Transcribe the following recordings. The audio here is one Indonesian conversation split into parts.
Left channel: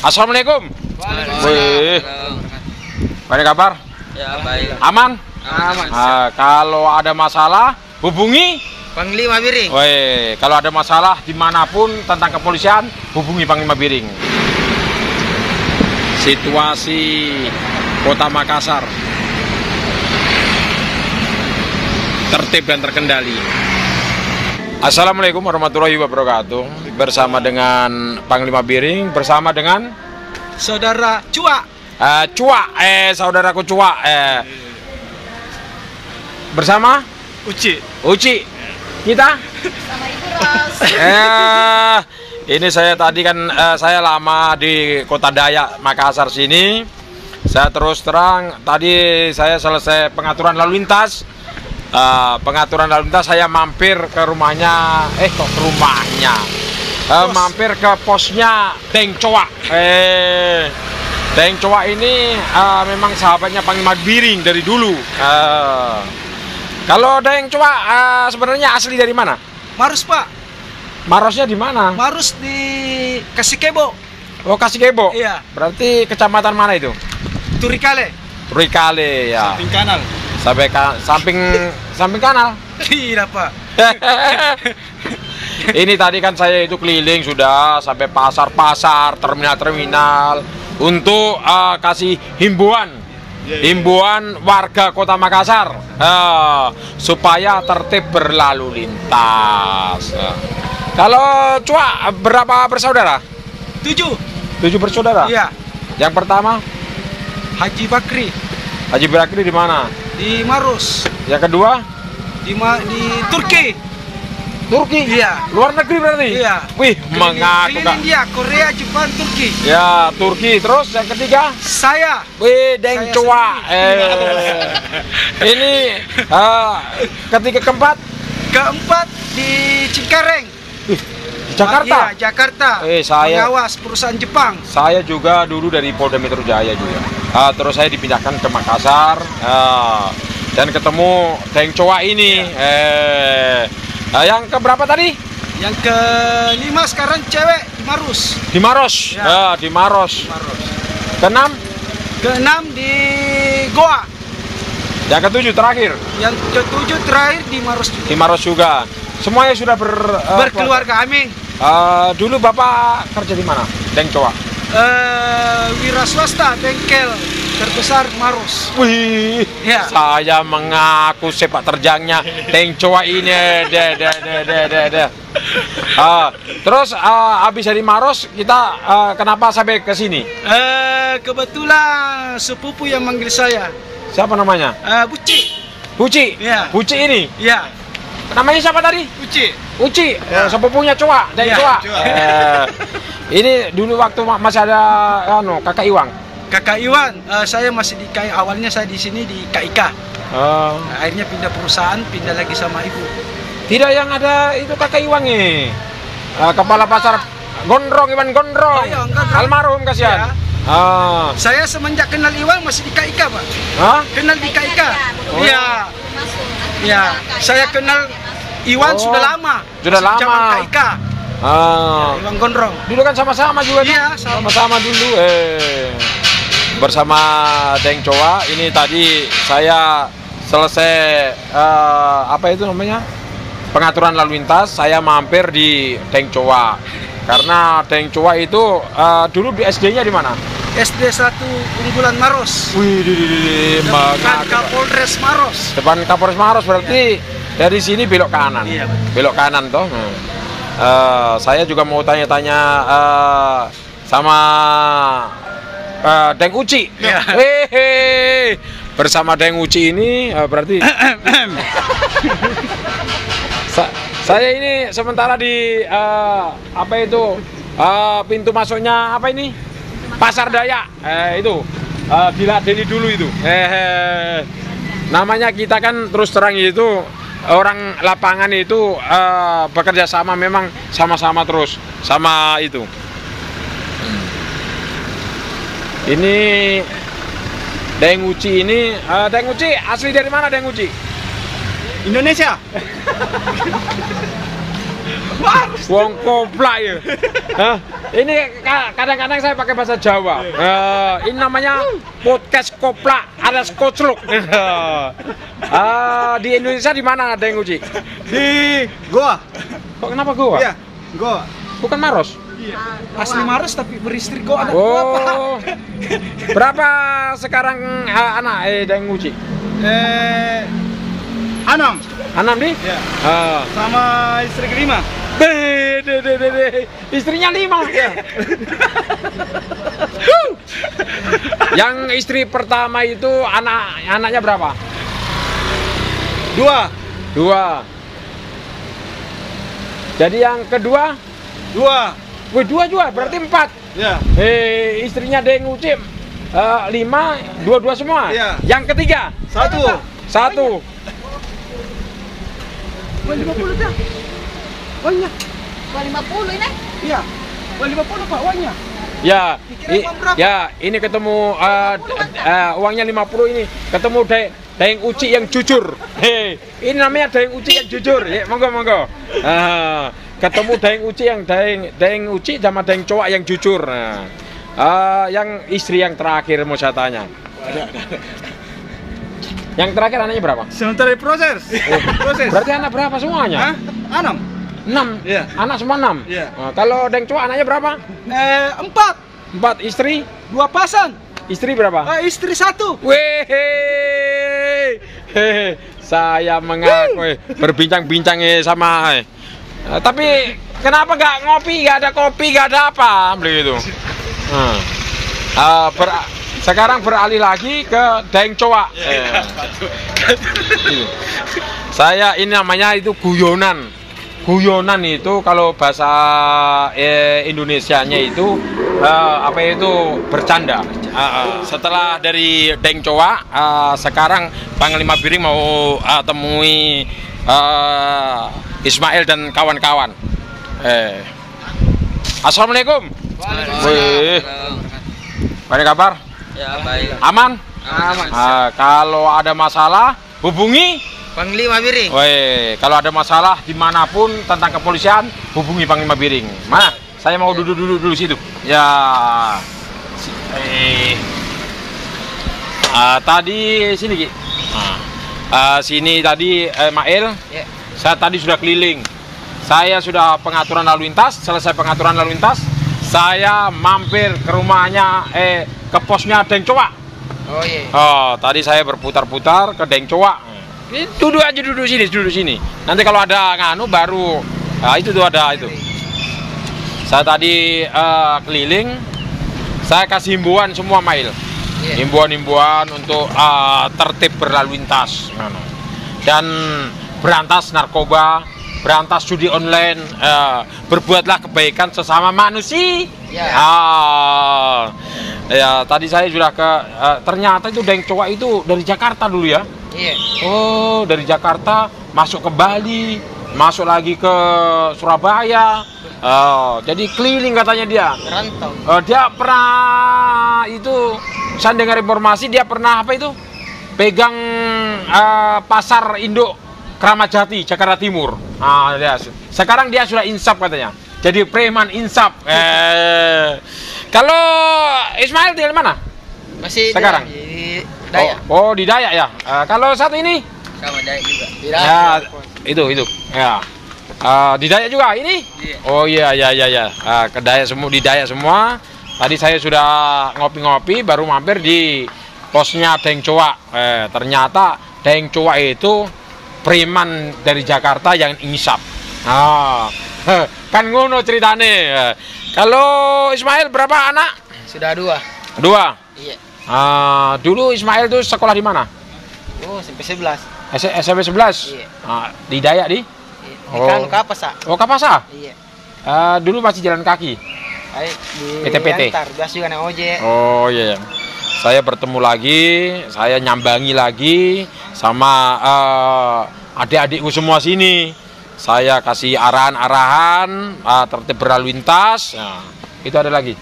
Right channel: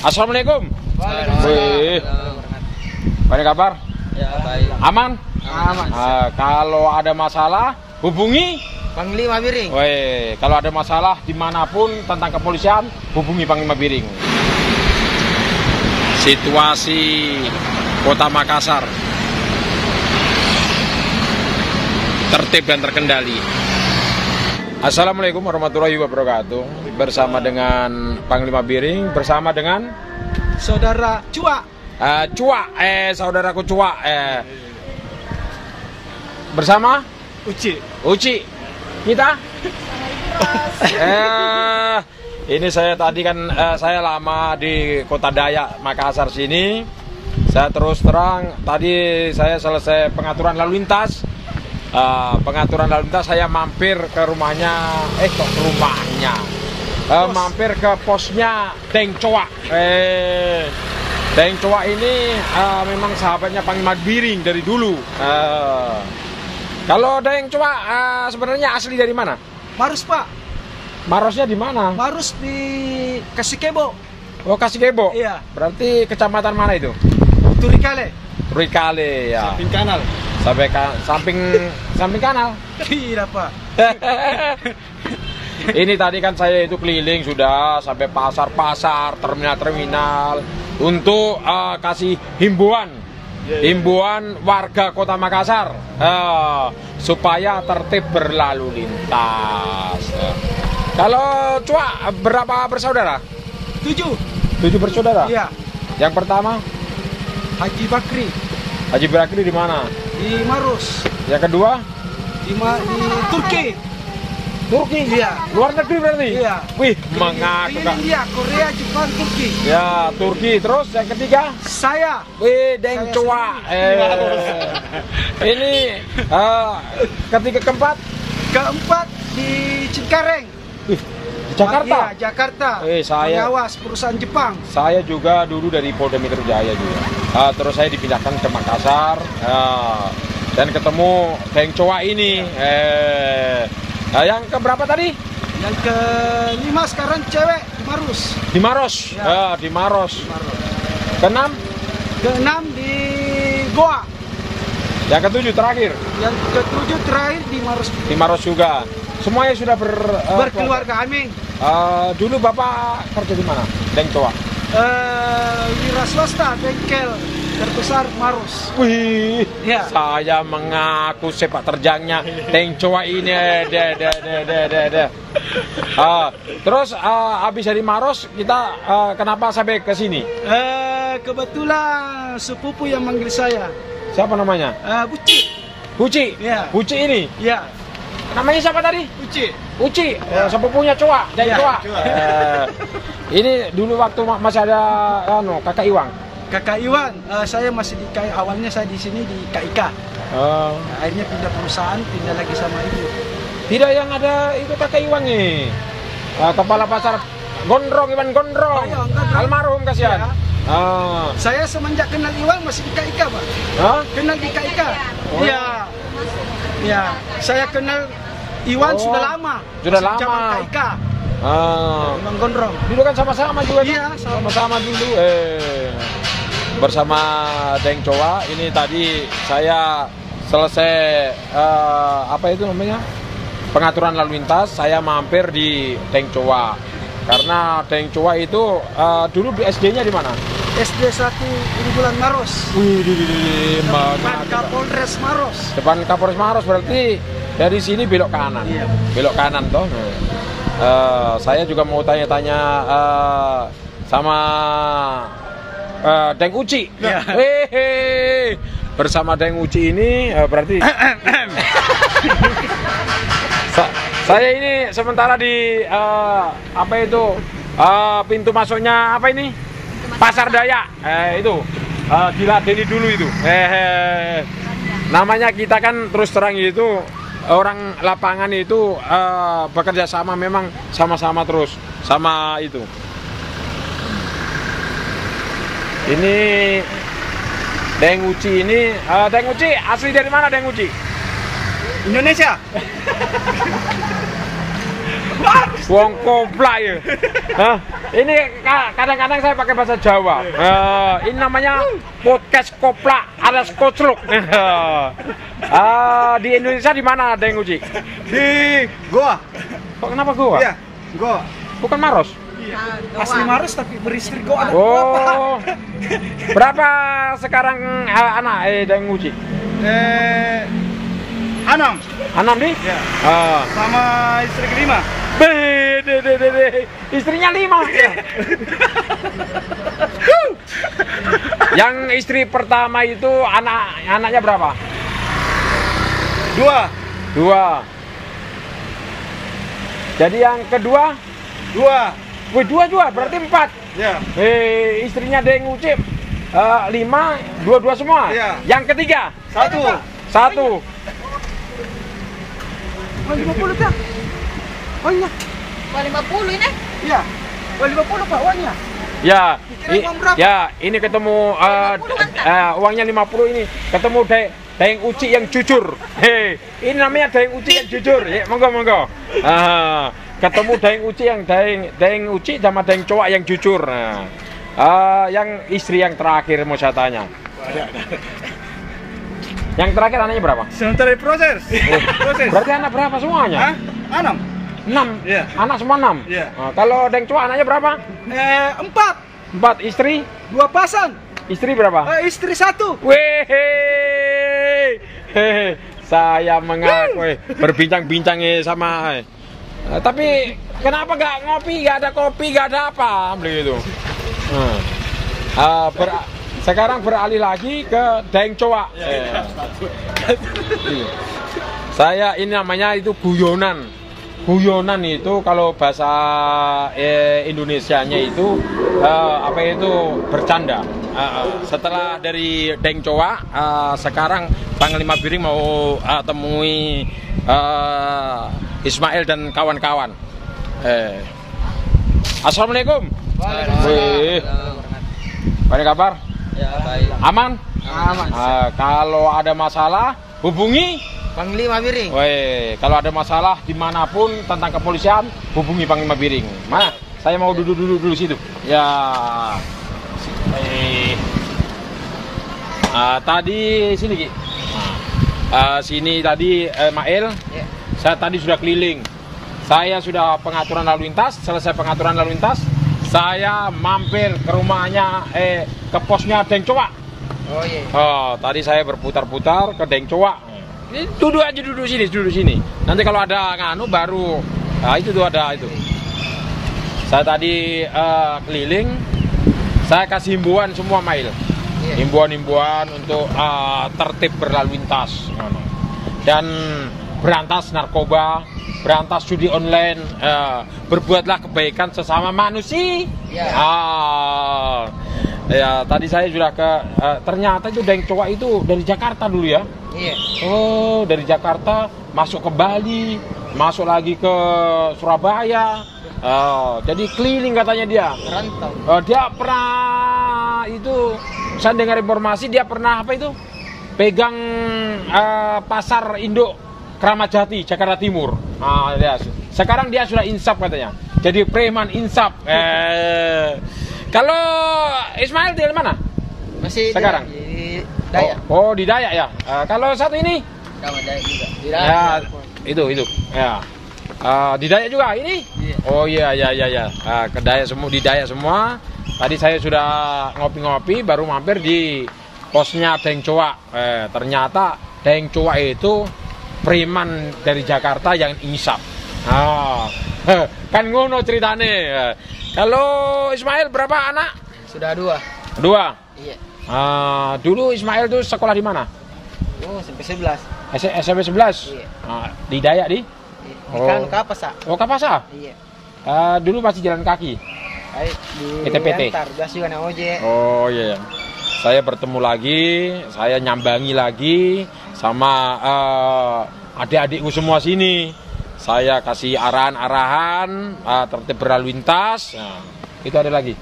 Assalamualaikum. Wih, apa kabar? Ya, baik. Aman? Aman. Kalau ada masalah, hubungi Panglima Biring. Woi, kalau ada masalah dimanapun tentang kepolisian, hubungi Panglima Biring. Situasi Kota Makassar tertib dan terkendali. Assalamualaikum warahmatullahi wabarakatuh. Bersama dengan Panglima Biring, bersama dengan Saudara Cua. Saudaraku Cua. Bersama Uci. Kita sama Ibu Ros. Ini saya tadi kan saya lama di Kota Dayak Makassar sini. Saya terus terang tadi saya selesai pengaturan lalu lintas. Saya mampir ke rumahnya. Mampir ke posnya Deng Coa. Deng Coa ini memang sahabatnya Panglima Biring dari dulu. Kalau Deng Coa sebenarnya asli dari mana? Marus, Pak. Marosnya di mana? Marus di Kasikebo. Oh, Kasikebo. Iya. Berarti kecamatan mana itu? Turikale. Turikale ya. Samping kanal. Samping kanal. Tidak, Pak. Ini tadi kan saya itu keliling sudah sampai pasar-pasar, terminal-terminal untuk kasih himbauan warga Kota Makassar supaya tertib berlalu lintas. Kalau Cua berapa bersaudara? 7 bersaudara? Iya. Yang pertama Haji Bakri Haji Bakri di mana? di Marus. Yang kedua Di Turki. Iya. Luar negeri berarti? Iya. Wih, Keliling dia Korea, Jepang, Turki. Ya, Turki. Terus yang ketiga? Saya. Wih, Deng Saya Coa. Ini keempat di Cengkareng. Jakarta. Iya, Jakarta. Saya pengawas perusahaan Jepang. Saya juga dulu dari Polda Metro Jaya juga. Terus saya dipindahkan ke Makassar dan ketemu Deng Coa ini. Yang keberapa tadi? Yang kelima sekarang cewek di Marus. Di Maros. Ya. Di Maros. Keenam di Goa. Yang ketujuh terakhir. Yang ketujuh terakhir di Marus juga. Di Maros juga. Semuanya sudah berkeluarga. Amin. Dulu Bapak kerja di mana? Deng Coa. Wira swasta, bengkel terbesar Marus. Wih, ya. Saya mengaku sepak terjangnya Deng Coa ini. Terus habis dari Maros kita kenapa sampai ke sini? Kebetulan sepupu yang manggil saya. Siapa namanya? Buci. Ya. Buci ini? Ya. Namanya siapa tadi? Uci. Ya. Sepupunya Coa, Deng Coa. Ini dulu waktu masih ada Kakak Iwang. Kakak Iwan, saya masih di KI, awalnya saya di sini di KIK. Akhirnya pindah perusahaan, pindah lagi sama ibu. Tidak yang ada itu Kakak Iwang nih. Kepala pasar Gondrong, Iwan Gondrong. Oh, iya, Gondrong. Almarhum kasihan. Ya. Saya semenjak kenal Iwan masih di KIK, Pak. Kenal di KIK. Iya. Ya, saya kenal Iwan sudah lama. Sudah lama. Zaman KIK. Ya, Iwan Gondrong. Dulu kan sama-sama juga. Iya, sama-sama dulu. Bersama Deng Coa ini tadi saya selesai pengaturan lalu lintas, saya mampir di Deng Coa karena Deng Coa itu dulu di SD-nya di mana? SD 1 Unggulan Maros. Wih, depan Kapolres Maros. Depan Kapolres Maros berarti dari sini belok kanan. Iya. Belok kanan toh. Saya juga mau tanya-tanya sama Deng Uci. Ya. Bersama Deng Uci ini berarti saya ini sementara di pintu masuknya Pasar Dayak itu diladeni dulu itu. Namanya kita kan terus terang itu orang lapangan itu bekerja sama, memang sama-sama terus sama itu. Ini Deng Uci ini, Deng Uci asli dari mana Deng Uci? Indonesia. Wong koplak ya. Hah? Ini kadang-kadang saya pakai bahasa Jawa. Ini namanya podcast koplak alias kocluk. Di Indonesia di mana ada yang uji? Di Goa. Kok kenapa Goa? Iya, Goa. Bukan Maros? Asli Maros tapi beristri Goa. Oh. Berapa sekarang anak yang uji? 6. 6 nih? Iya. Sama istri kelima. Istrinya 5. Iya. Yang istri pertama itu anaknya berapa? 2. Jadi yang kedua 2. Wih, 2 juga, berarti 4. Ya. Istrinya Deng Ucim 5, 2 semua. Iya. Yang ketiga 1. 1. 50 dah. Uangnya. 50 ini? Iya. 50 Pak uangnya. Ya, Kira uang berapa? ya ini ketemu uangnya 50 ini ketemu Deng Uci yang jujur. Hei, ini namanya Deng Uci yang jujur. Ya, monggo. Ketemu Deng Uci yang Deng Uci sama Deng Cowak yang jujur. Nah, yang istri yang terakhir mau saya tanya. Yang terakhir anaknya berapa? Sementara proses. Proses. Berarti anak berapa semuanya? 6. 6. Iya. Anak semua 6. Iya. Nah, kalau Deng Cowak anaknya berapa? 4. 4. Istri? 2 pasang. Istri berapa? Istri 1. Weh, saya mengaku berbincang-bincang sama. Tapi kenapa nggak ngopi, nggak ada kopi, nggak ada apa, begitu. Sekarang beralih lagi ke Deng Cowak. Saya ini namanya itu guyonan. Guyonan itu kalau bahasa Indonesianya itu apa itu bercanda. Setelah dari Deng Cowak, sekarang Panglima Biring mau temui Ismail dan kawan-kawan. Assalamualaikum. Waalaikumsalam. Apa kabar? Ya, baik. Aman? Aman. Kalau ada masalah hubungi Panglima Biring. Woi, kalau ada masalah dimanapun tentang kepolisian, hubungi Panglima Biring. Saya mau duduk dulu situ. Ya. Tadi sini Ki. Sini tadi Mail. Ya. Saya tadi sudah keliling. Saya sudah pengaturan lalu lintas. Selesai pengaturan lalu lintas, saya mampir ke rumahnya ke posnya Deng Cowak. Oh iya. Tadi saya berputar-putar ke Deng Cowak. Duduk sini. Nanti kalau ada nganu baru itu tuh ada itu. Saya tadi keliling, saya kasih himbauan semua Mail. Yeah. Himbauan untuk tertib berlalu lintas dan berantas narkoba, berantas judi online, berbuatlah kebaikan sesama manusia. Yeah. Ya, tadi saya sudah ke ternyata itu Deng Cowak itu dari Jakarta dulu ya. Iya. Oh, dari Jakarta masuk ke Bali, masuk lagi ke Surabaya. Jadi keliling katanya dia. Rantau. Dia pernah itu, saya dengar informasi dia pernah apa itu? Pegang pasar induk Kramat Jati, Jakarta Timur. Sekarang dia sudah insaf katanya. Jadi preman insaf. Kalau Ismail di mana? Masih sekarang di Dayak. Oh, di Dayak ya. Kalau satu ini? Sama Dayak juga. Di Ya, itu. Ya. Di Dayak juga ini? Iya. Oh iya. Ke Dayak semua, di Dayak semua. Tadi saya sudah ngopi-ngopi, baru mampir di posnya Deng Cowak. Ternyata Deng Cowak itu preman dari Jakarta yang insaf. Kan ngono ceritane. Kalau Ismail berapa anak? Sudah 2. 2. Iya. Dulu Ismail tuh sekolah di mana? Oh, sampai 11. SMP 11? Iya. Di Dayak di? Iya. Di kan Kapasa. Oh, Kapasa? Iya. Dulu masih jalan kaki? Di PT. Antar, biasa juga naik ojek. Oh iya. Saya bertemu lagi, saya nyambangi lagi sama adik-adikku semua sini. Saya kasih arahan-arahan tertib berlalu lintas. Nah, itu ada lagi.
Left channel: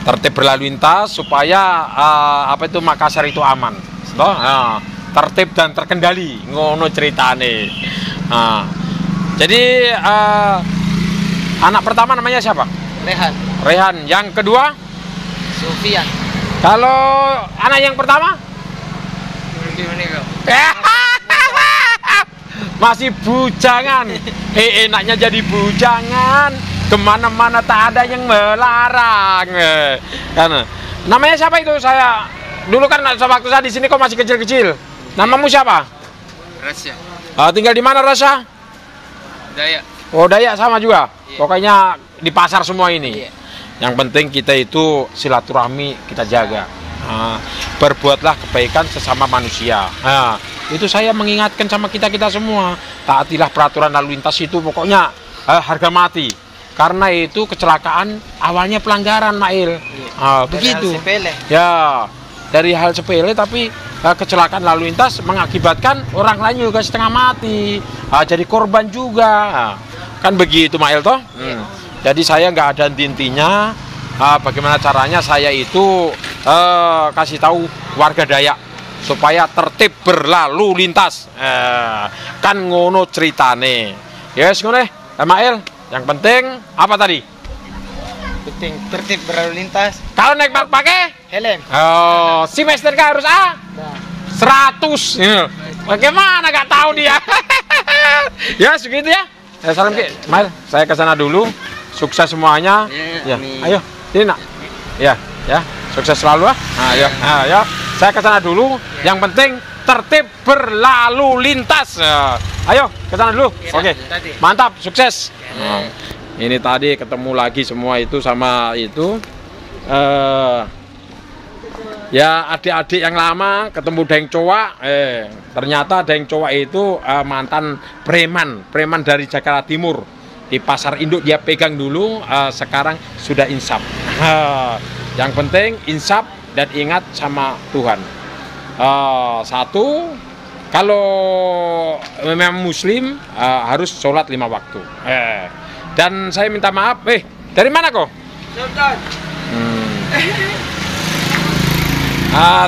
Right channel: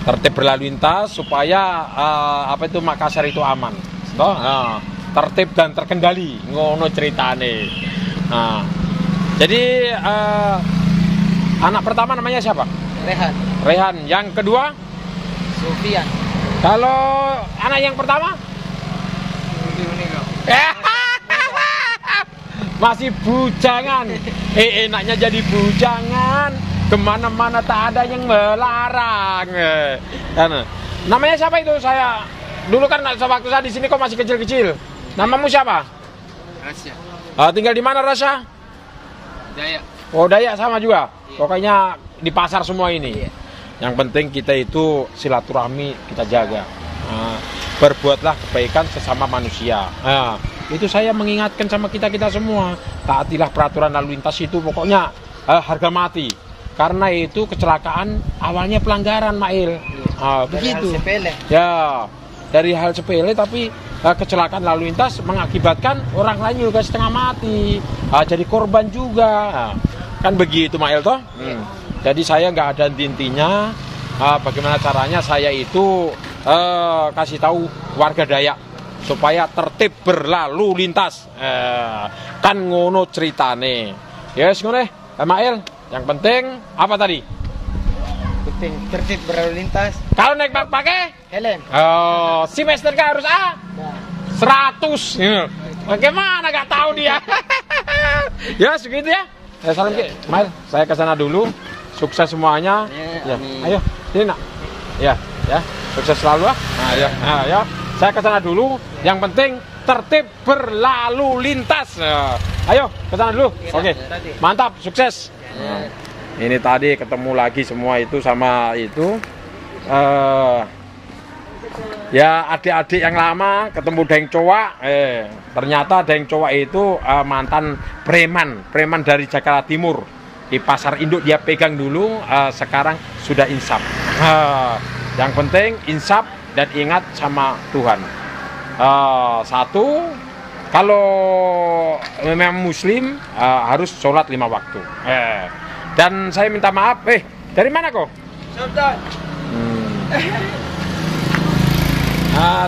Tertib berlalu lintas supaya Makassar itu aman. Tertib dan terkendali. Ngono ceritane. Nah, jadi anak pertama namanya siapa? Rehan. Rehan. Yang kedua? Sofian. Kalau anak yang pertama? Masih bujangan. Enaknya jadi bujangan. Kemana-mana tak ada yang melarang. Namanya siapa itu? Saya dulu kan waktu saya di sini kok masih kecil-kecil. Namamu siapa? Rasya. Tinggal di mana, Rasya? Dayak. Oh, Dayak sama juga. Iya. Pokoknya di pasar semua ini. Iya. Yang penting kita itu silaturahmi kita jaga. Berbuatlah kebaikan sesama manusia. Itu saya mengingatkan sama kita semua. Taatilah peraturan lalu lintas itu pokoknya harga mati. Karena itu kecelakaan awalnya pelanggaran, Mail. Iya. Begitu. Hal sepele. Ya, dari hal sepele tapi kecelakaan lalu lintas mengakibatkan orang lain juga setengah mati. Jadi korban juga. Kan begitu, Mail toh? Iya. Jadi saya nggak ada intinya. Bagaimana caranya saya itu kasih tahu warga Dayak supaya tertib berlalu lintas. Kan ngono ceritane. Yes, ngono Mail. Yang penting apa tadi? Penting tertib berlalu lintas. Kalau naik pakai Helm. oh, si Master harus 100. Bagaimana nggak tahu dia? Ya segitu ya. Salam Ki. Mail, saya ke sana dulu. Sukses semuanya. Ya, amin. Ayo, ini nak. Ya, sukses selalu ah. Ya. Saya ke sana dulu. Yang penting tertib berlalu lintas. Ayo, ke sana dulu. Ya, Oke. Mantap, sukses. Ini tadi ketemu lagi semua itu sama itu. Ya adik-adik yang lama ketemu Deng Coa. Ternyata Deng Coa itu mantan preman dari Jakarta Timur. Di pasar induk dia pegang dulu, sekarang sudah insaf. Yang penting insaf dan ingat sama Tuhan. Satu, kalau memang Muslim harus sholat 5 waktu. Dan saya minta maaf, dari mana kok?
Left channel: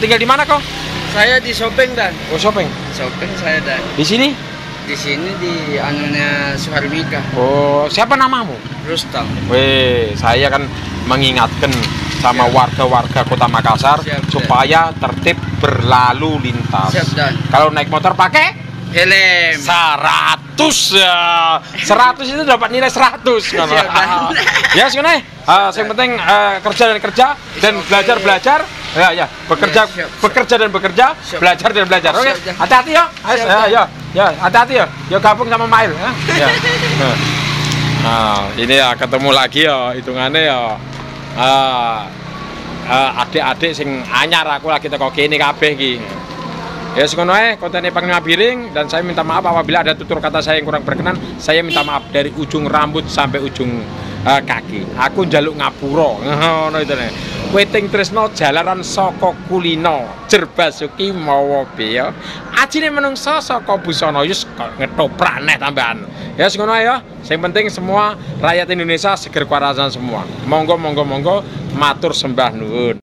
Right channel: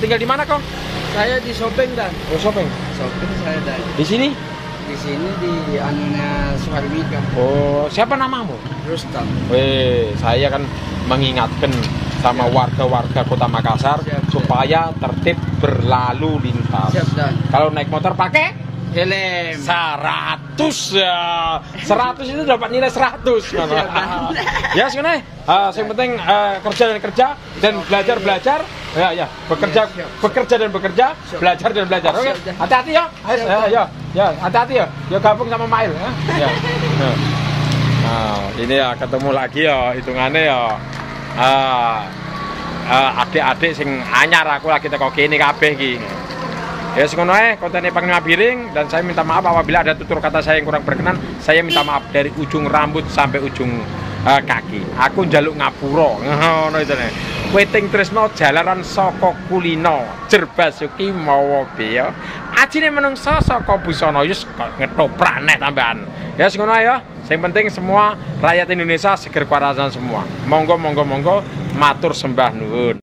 Tinggal di mana kok? Saya di Sopeng dan. Oh, Sopeng. Sopeng saya dan. Di sini? Di sini di anunya Suharmika. Oh, siapa namamu? Rustam. Saya kan mengingatkan sama warga-warga Kota Makassar supaya tertib berlalu lintas. Siap dan. Kalau naik motor pakai Helm. 100 ya. 100 itu dapat nilai 100. Siap dan. Ya, sebenarnya yang penting kerja dan belajar. Ya, bekerja dan bekerja, siap. belajar dan belajar. Oke, hati-hati ya. Ya, hati-hati ya. Ya gabung sama Mail ya. Nah, ini ya ketemu lagi ya hitungannya ya. Adik-adik sing anyar aku lagi teko kene kabeh iki. Ya ngono ae kontene pengabiring dan saya minta maaf apabila ada tutur kata saya yang kurang berkenan. Saya minta maaf dari ujung rambut sampai ujung kaki. Aku njaluk ngapura. Ngono itu nek. Weting tresno jalaran saka kulino, jer basuki mawa beya. Ajine menungsa saka busana yus ngetoprak neh tambahan. Ya ngono ae ya. Sing penting semua rakyat Indonesia seger kewarasan semua. Monggo matur sembah nuwun.